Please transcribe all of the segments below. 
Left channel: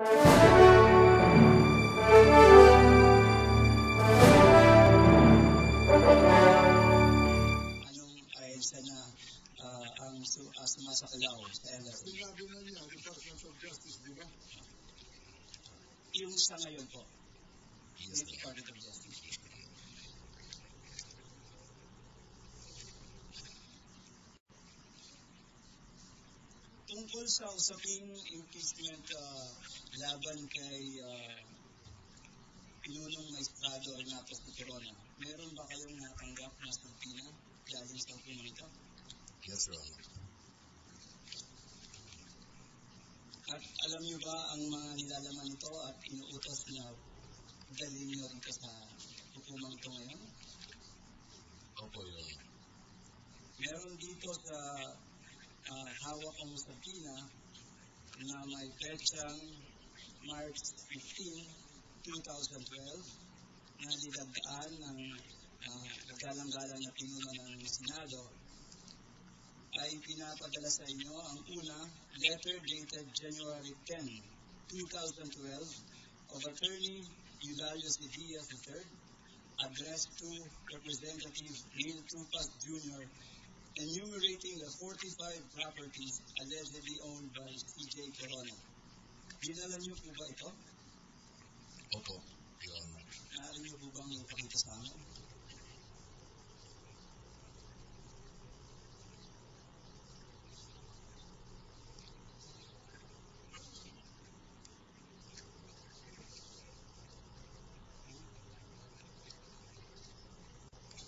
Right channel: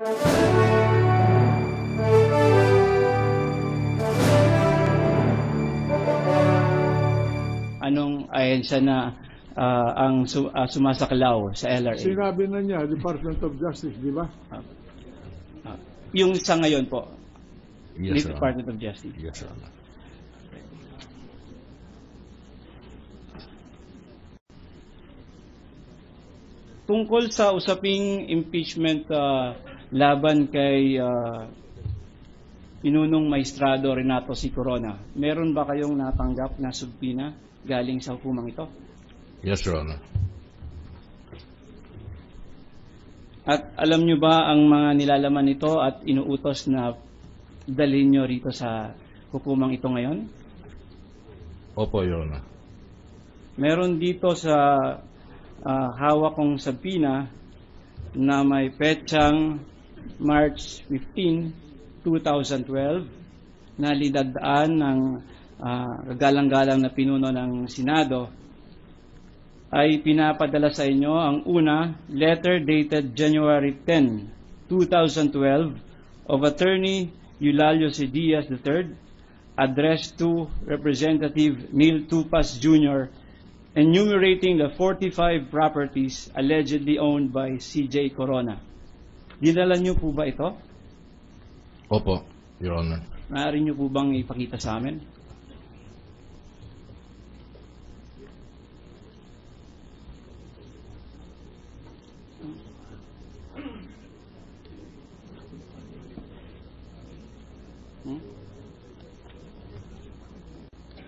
Anong ahensya na ang sumasaklaw sa LRA? Sinabi na niya, Department of Justice, di ba? Yung sa ngayon po, Yes, ni Your Honor. Department of Justice. Yes, Your Honor. Tungkol sa usaping impeachment laban kay Pinunong Maestrado Renato C. Corona, meron ba kayong natanggap na subpina galing sa hukumang ito? Yes, Your Honor. At alam nyo ba ang mga nilalaman nito at inuutos na dalhin nyo rito sa hukumang ito ngayon? Opo, Your Honor. Meron dito sa hawak kong subpina na may petsang March 15, 2012 na lidagdaan ng kagalang-galang na pinuno ng Senado ay pinapadala sa inyo ang una, letter dated January 10, 2012 of Attorney Eulalio C. Diaz III addressed to Representative Neil Tupas Jr. enumerating the 45 properties allegedly owned by C.J. Corona. Dinala niyo po ba ito? Opo, Your Honor. Maaari niyo po bang ipakita sa amin?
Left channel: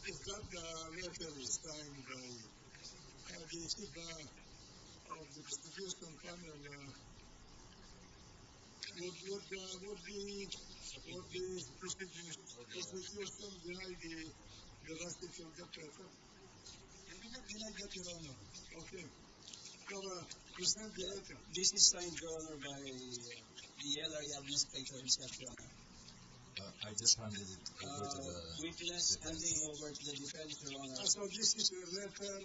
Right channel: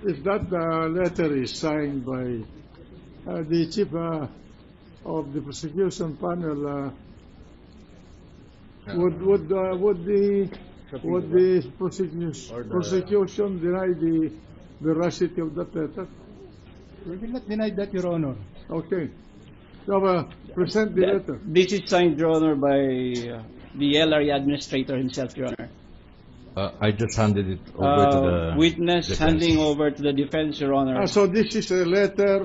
If that letter is signed by the chief of the prosecution panel, would the prosecution deny the veracity of that letter? We will not deny that, Your Honor. Okay. So, present the letter. This is signed, Your Honor, by the LRA administrator himself, Your Honor. I just handed it over to the witness defense. handing over to the defense, Your Honor. So this is a letter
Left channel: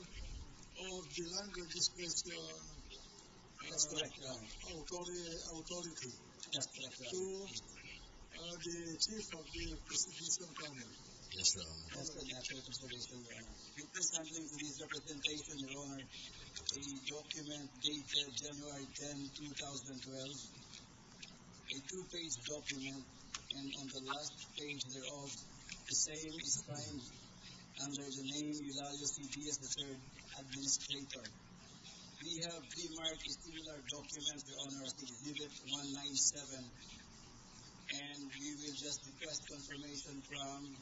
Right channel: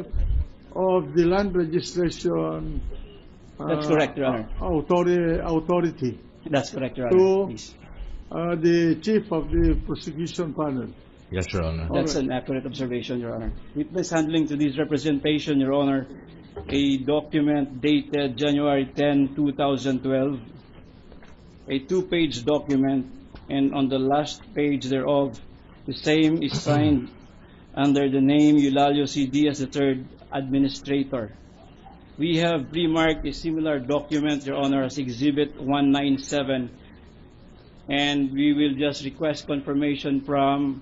of the land registration. That's correct, Your Honor. Authority That's correct, Your to Honor. Please. the chief of the prosecution panel. Yes, Your Honor. That's an accurate observation, Your Honor. Witness handling to this representation, Your Honor, a document dated January 10, 2012, a two-page document, and on the last page thereof, the same is signed under the name Eulalio C. Diaz III, Administrator. We have pre-marked a similar document, Your Honor, as Exhibit 197, and we will just request confirmation from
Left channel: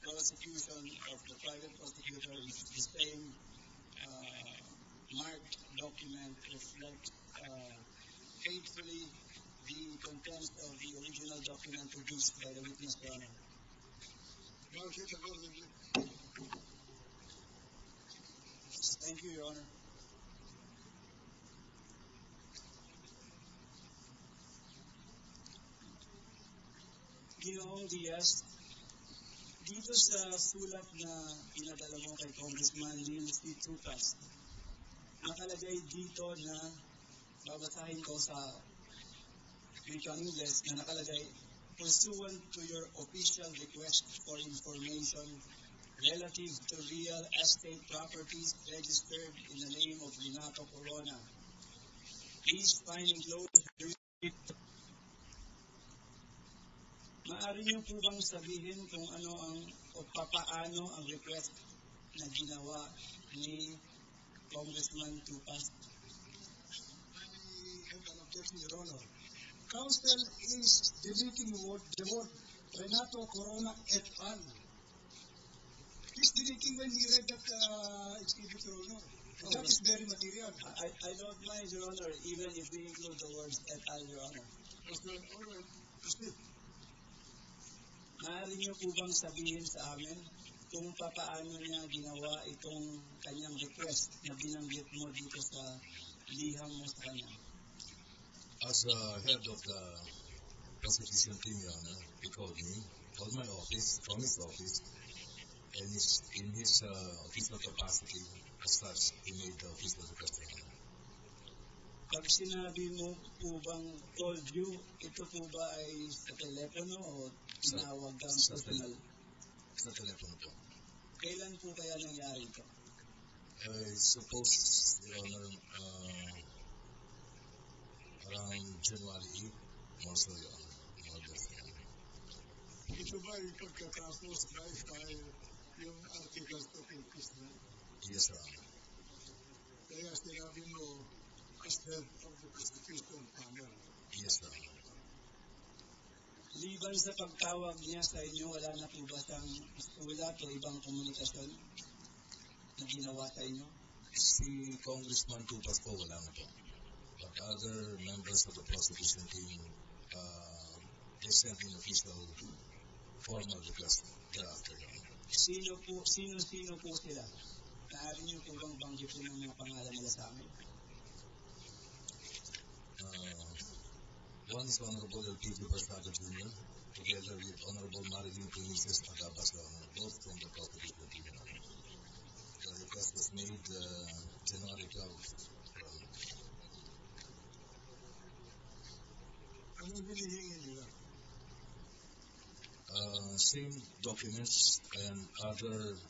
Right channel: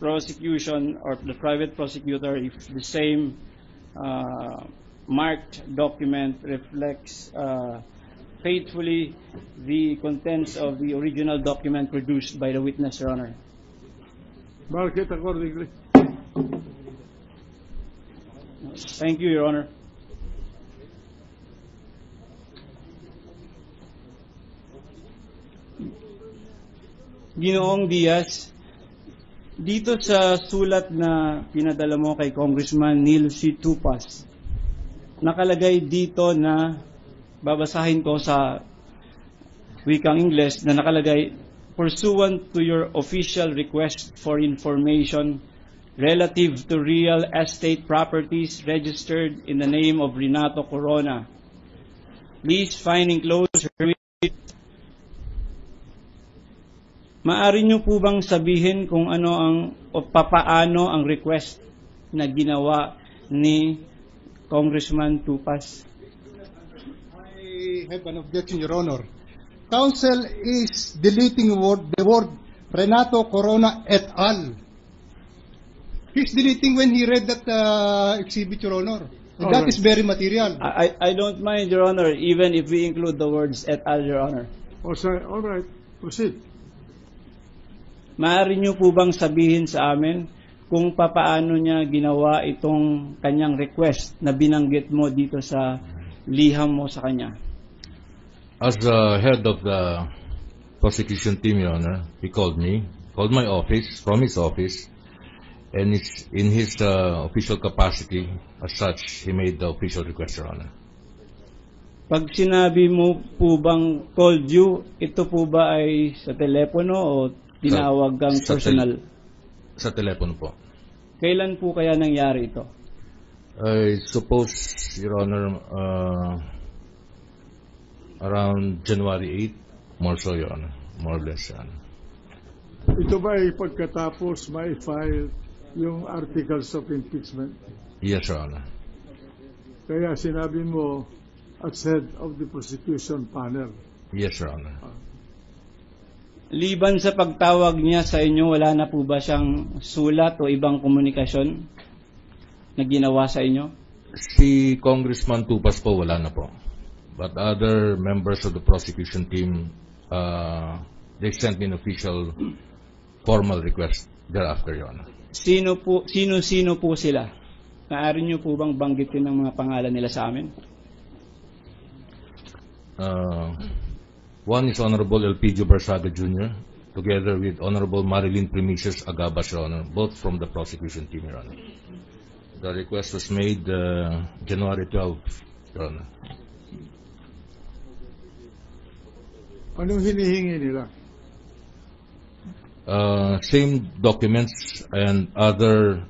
prosecution or the private prosecutor if the same marked document reflects faithfully the contents of the original document produced by the witness, Your Honor. Mark it accordingly. Thank you, Your Honor. Ginoong Diaz, dito sa sulat na pinadala mo kay Congressman Neil C. Tupas, nakalagay dito na, babasahin ko sa wikang Ingles, na nakalagay, pursuant to your official request for information relative to real estate properties registered in the name of Renato Corona, please find enclosed. Maari niyo po bang sabihin kung ano ang o papaano ang request na ginawa ni Congressman Tupas? I have an objection, Your Honor. Counsel is deleting the word Renato Corona et al. He's deleting when he read that exhibit, Your Honor. And that is very material. I don't mind, Your Honor, even if we include the words et al, Your Honor. All right. Proceed. Maaari niyo po bang sabihin sa amin kung papaano niya ginawa itong kanyang request na binanggit mo dito sa liham mo sa kanya? As head of the prosecution team, Your Honor, he called my office, from his office, and in his official capacity, as such, he made the official request, Your Honor. Pag sinabi mo po bang called you, ito po ba ay sa telepono o tinawag kang sa personal? Sa telepono po. Kailan po kaya nangyari ito? I suppose, Your Honor, around January 8, more so, Your Honor. More or less, Your Honor. Ito ba ay pagkatapos may file yung articles of impeachment? Yes, Your Honor. Kaya sinabi mo as head of the prosecution panel. Yes, Your Honor. Liban sa pagtawag niya sa inyo, wala na po ba siyang sulat o ibang komunikasyon na ginawa sa inyo? Si Congressman Tupas po, wala na po. But other members of the prosecution team, they sent me an official formal request thereafter, Your Honor. Sino po sila? Maaari niyo po bang banggitin ang mga pangalan nila sa amin? One is Honorable Elpidio Barsaga Jr., together with Honorable Marilyn Primicius Agabas, Your Honor, both from the prosecution team, Your Honor. The request was made January 12, Your Honor. Anong hinihingi nila? Same documents and other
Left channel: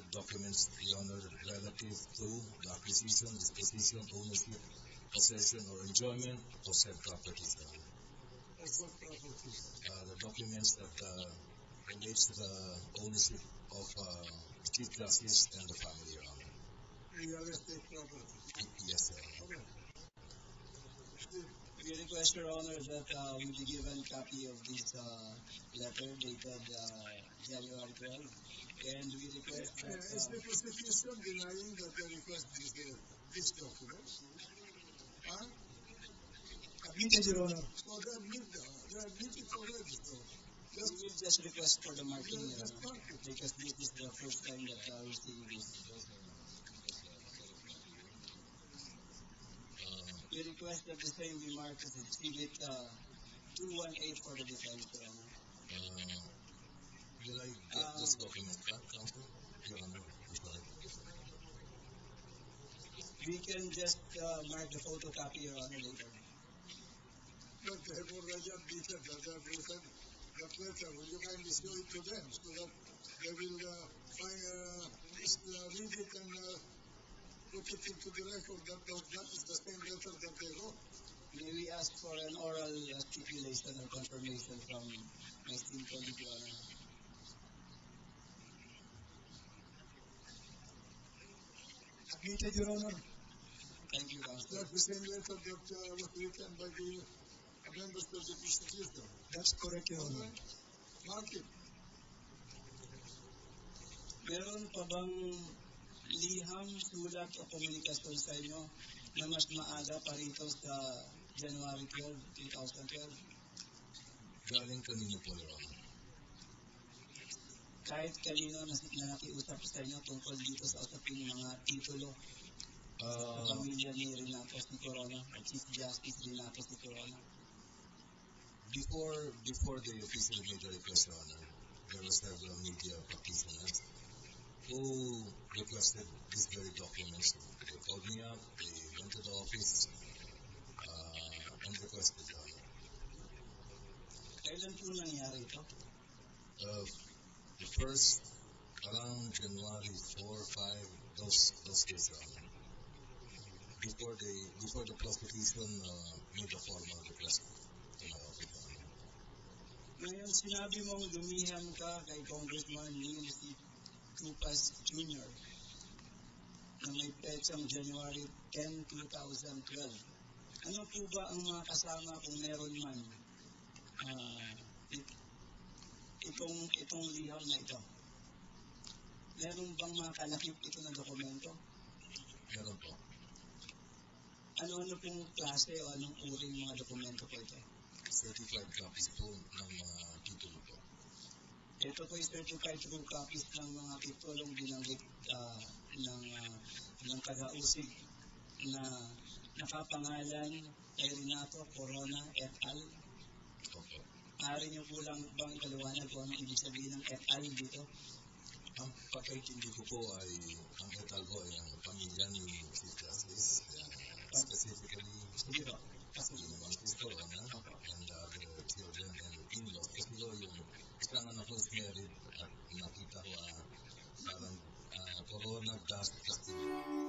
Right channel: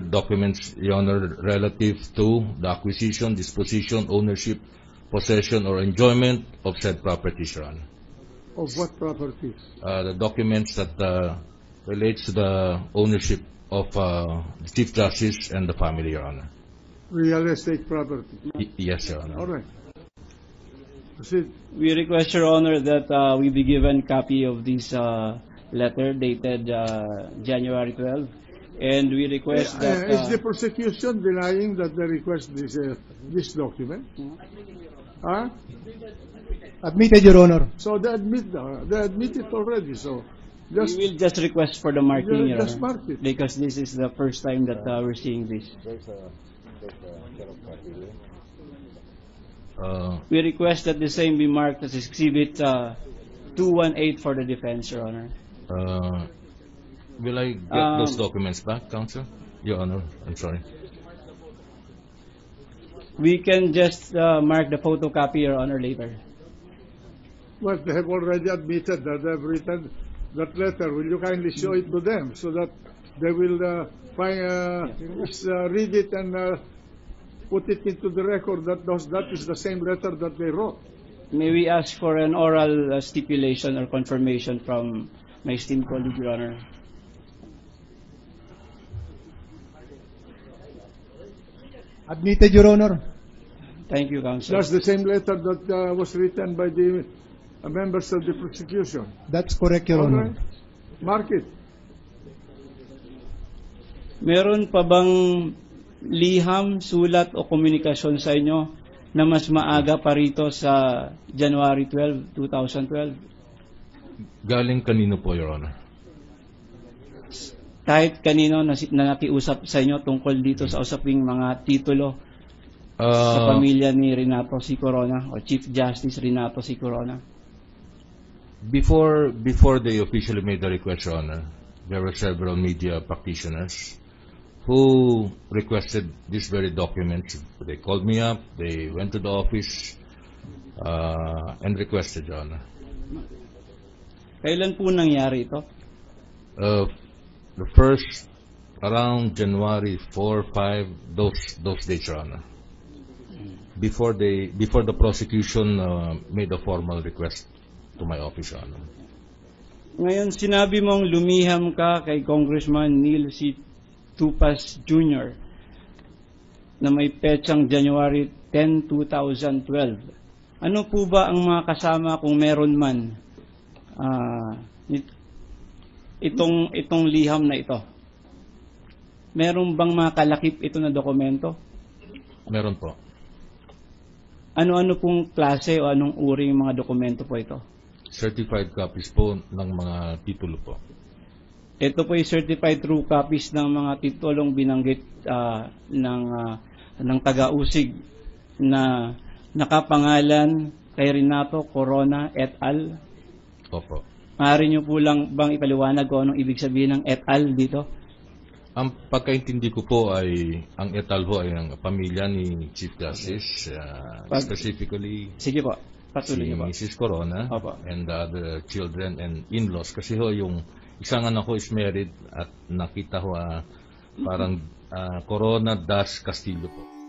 documents, Your Honor, relative to the acquisition, disposition, ownership, possession, or enjoyment of said properties, Your Honor. Of what properties? The documents that relates to the ownership of the Chief Justice and the family, Your Honor. Real estate property. Yes, Your Honor. All right. Proceed. We request, Your Honor, that we be given copy of this letter dated January 12, and we request that... Is the prosecution denying that they request these documents? Huh? Admitted, Your Honor. So they admit it already. So just we will just request for the marking, Your just Honor, mark it. because this is the first time that we're seeing this. We request that the same be marked as Exhibit 218 for the defense, Your Honor. Will I get those documents back, Counsel? Your Honor, I'm sorry. We can just mark the photocopy, Your Honor, later. Well, they have already admitted that they have written that letter. Will you kindly show it to them so that they will read it and put it into the record that that is the same letter that they wrote? May we ask for an oral stipulation or confirmation from my esteemed colleague, Your Honor? Admitted, Your Honor. Thank you, Counsel. That's the same letter that was written by the members of the prosecution. That's correct, Your All Honor. right. Mark it. Meron pa bang liham, sulat o komunikasyon sa inyo na mas maaga pa rito sa January 12, 2012? Galing kanino po, Your Honor? Kahit kanino na nakiusap sa inyo tungkol dito sa usaping mga titulo sa pamilya ni Renato C. Corona o Chief Justice Renato C. Corona? Before they officially made the request, Your Honor, there were several media practitioners who requested these very documents. They called me up, they went to the office, and requested, Your Honor. Kailan po nangyari ito? The first, around January 4, 5, those dates, Your Honor. Before the prosecution made a formal request to my office, Your Honor. Ngayon, sinabi mong lumiham ka kay Congressman Neil C. Tupas Jr. na may petsang January 10, 2012. Ano po ba ang mga kasama kung meron man itong liham na ito? Meron bang mga kalakip ito na dokumento? Meron po. Ano-ano pong klase o anong uri ng mga dokumento po ito? Certified copies po ng mga titulo po. Ito po ay certified true copies ng mga titulong binanggit ng taga-usig na nakapangalan kay Renato Corona et al. Opo. Maaari niyo po lang bang ipaliwanag kung anong ibig sabihin ng et al. Dito? Ang pagkaintindi ko po ay ang etal ho ay ang pamilya ni Chief Justice, specifically Sige po, si patuloy niyo po. Mrs. Corona Opo. and the other children and in-laws. Kasi ho yung isang anak ko is married at nakita ho parang Corona dash Castillo po.